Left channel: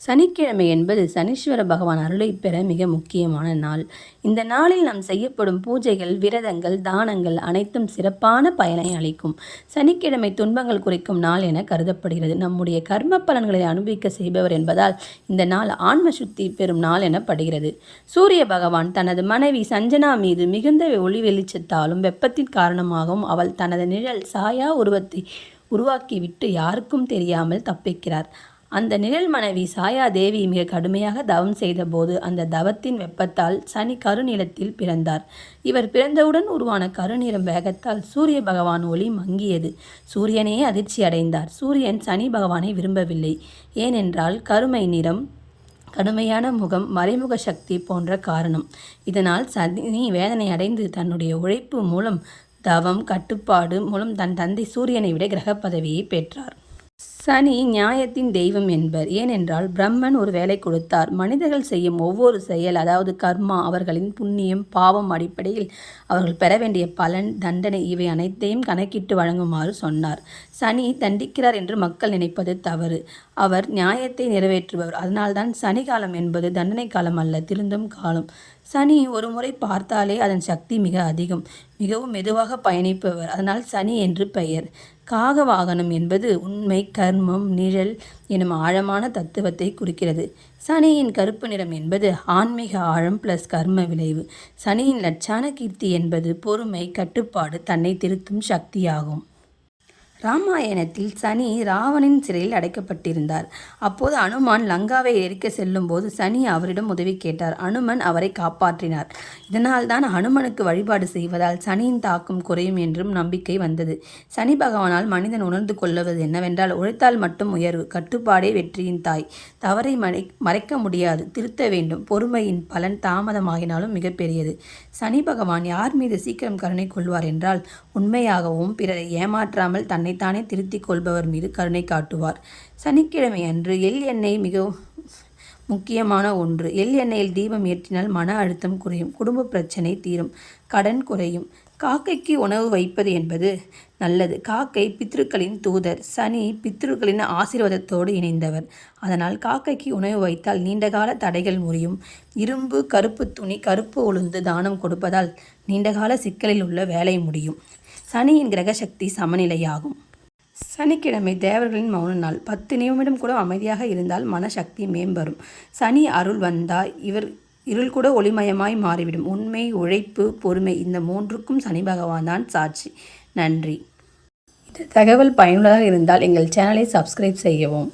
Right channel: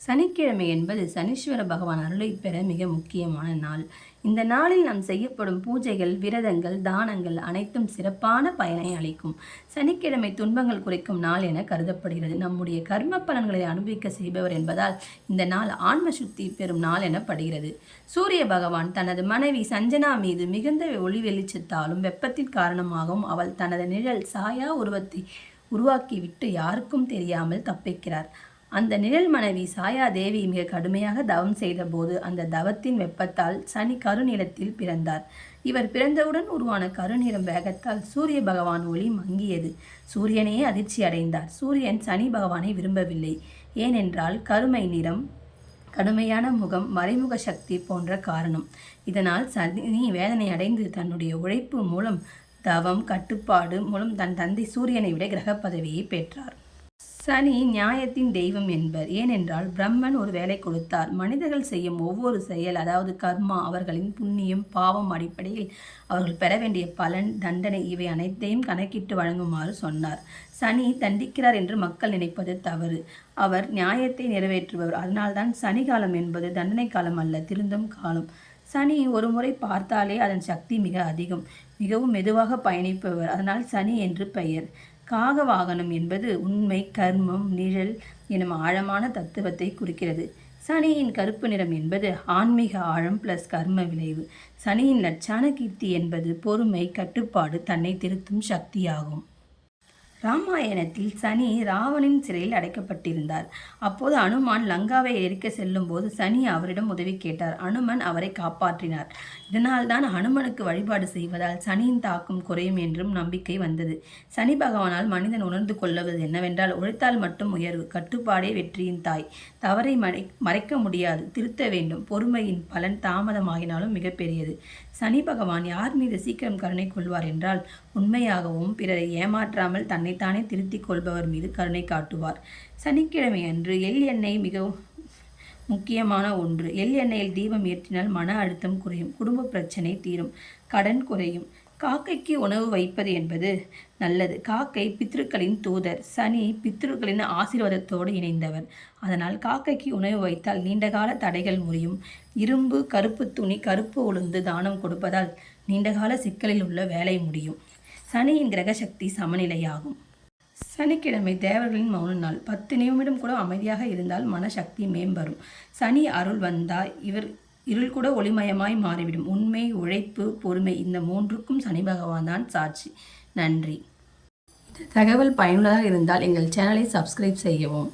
சனிக்கிழமை என்பது சனீஸ்வர பகவான் அருளை பெற மிக முக்கியமான நாள். இந்த நாளில் நாம் செய்யப்படும் பூஜைகள் விரதங்கள் தானங்கள் அனைத்தும் சிறப்பான பயனை அளிக்கும். சனிக்கிழமை துன்பங்கள் குறைக்கும் நாள் என கருதப்படுகிறது. நம்முடைய கர்ம பலன்களை அனுபவிக்க செய்பவர் என்பதால் இந்த நாள் ஆன்ம சுத்தி பெறும் நாள் எனப்படுகிறது. சூரிய பகவான் தனது மனைவி சஞ்சனா மீது மிகுந்த ஒளி வெளிச்சத்தாலும் வெப்பத்தின் காரணமாகவும் அவள் தனது நிழல் சாயா உருவத்தை உருவாக்கிவிட்டு யாருக்கும் தெரியாமல் தப்பிக்கிறார். அந்த நிழல் மனைவி சாயாதேவி மிக கடுமையாக தவம் செய்தபோது அந்த தவத்தின் வெப்பத்தால் சனி கருநிலத்தில் பிறந்தார். இவர் பிறந்தவுடன் உருவான கருநிறம் வேகத்தால் சூரிய பகவான் ஒளி மங்கியது. சூரியனே அதிர்ச்சி அடைந்தார். சூரியன் சனி பகவானை விரும்பவில்லை. ஏனென்றால் கருமை நிறம் கடுமையான முகம் மறைமுக சக்தி போன்ற காரணம். இதனால் சனி வேதனை அடைந்து தன்னுடைய உழைப்பு மூலம் தவம் கட்டுப்பாடு மூலம் தன் தந்தை சூரியனை விட கிரக பதவியை பெற்றார். சனி நியாயத்தின் தெய்வம் என்பர். ஏனென்றால் பிரம்மன் ஒரு வேலை கொடுத்தார். மனிதர்கள் செய்யும் ஒவ்வொரு செயல் அதாவது கர்மா அவர்களின் புண்ணியம் பாவம் அடிப்படையில் அவர்கள் பெற வேண்டிய பலன் தண்டனை இவை அனைத்தையும் கணக்கிட்டு வழங்குமாறு சொன்னார். சனி தண்டிக்கிறார் என்று மக்கள் நினைப்பது தவறு. அவர் நியாயத்தை நிறைவேற்றுபவர். அதனால்தான் சனி காலம் என்பது தண்டனை காலம் அல்ல திருந்தும் காலம். சனி ஒரு முறை பார்த்தாலே அதன் சக்தி மிக அதிகம். மிகவும் மெதுவாக பயணிப்பவர். அதனால் சனி என்று பெயர். காக வாகனம் என்பது உண்மை கர்மம் நிழல் எனும் ஆழமான தத்துவத்தை குறிக்கிறது. சனியின் கருப்பு நிறம் என்பது ஆன்மீக ஆழம் பிளஸ் கர்ம விளைவு. சனியின் லட்சான கீர்த்தி என்பது பொறுமை கட்டுப்பாடு தன்னை திருத்தும் சக்தியாகும். ராமாயணத்தில் சனி ராவணின் சிறையில் அடைக்கப்பட்டிருந்தார். அப்போது அனுமான் லங்காவை எரிக்க செல்லும்போது சனி அவரிடம் உதவி கேட்டார். அனுமன் அவரை காப்பாற்றினார். இதனால்தான் அனுமனுக்கு வழிபாடு செய்வதால் சனியின் தாக்கம் குறையும் என்றும் நம்பிக்கை வந்தது. சனி பகவானால் மனிதன் உணர்ந்து கொள்வது என்னவென்றால் உழைத்தால் மட்டும் உயர்வு கட்டுப்பாடே வெற்றியின் தாய். தவறை மறை மறைக்க முடியாது திருத்த வேண்டும். பொறுமையின் பலன் தாமதமாகினாலும் மிகப்பெரியது சனி பகவான் யார் மீது சீக்கிரம் கருணை கொள்வார் என்றால் உண்மையாகவும் பிறரை ஏமாற்றாமல் தன்னை தன்னைத்தானே திருத்திக் கொள்பவர் மீது கருணை காட்டுவார். சனிக்கிழமை அன்று எள் எண்ணெய் மிகவும் முக்கியமான ஒன்று. எள் எண்ணெயில் தீபம் ஏற்றினால் மன அழுத்தம் குறையும். குடும்ப பிரச்சனை தீரும். கடன் குறையும். காக்கைக்கு உணவு வைப்பது என்பது நல்லது. காக்கை பித்ருக்களின் தூதர். சனி பித்ருக்களின் ஆசீர்வாதத்தோடு இணைந்தவர். அதனால் காக்கைக்கு உணவு வைத்தால் நீண்டகால தடைகள் முறியும். இரும்பு கருப்பு துணி கருப்பு உளுந்து தானம் கொடுப்பதால் நீண்டகால சிக்கலில் உள்ள வேலை முடியும். சனியின் கிரக சக்தி சமநிலையாகும். சனிக்கிழமை தேவர்களின் மௌன நாள். பத்து நிமிடம் கூட அமைதியாக இருந்தால் மனசக்தி மேம்படும் சனி அருள் வந்தால் இவர் இருள் கூட ஒளிமயமாய் மாறிவிடும். உண்மை உழைப்பு பொறுமை இந்த மூன்றுக்கும் சனி பகவான் தான் சாட்சி. நன்றி. இந்த தகவல் பயனுள்ளதாக இருந்தால் எங்கள் சேனலை சப்ஸ்கிரைப் செய்யவும்.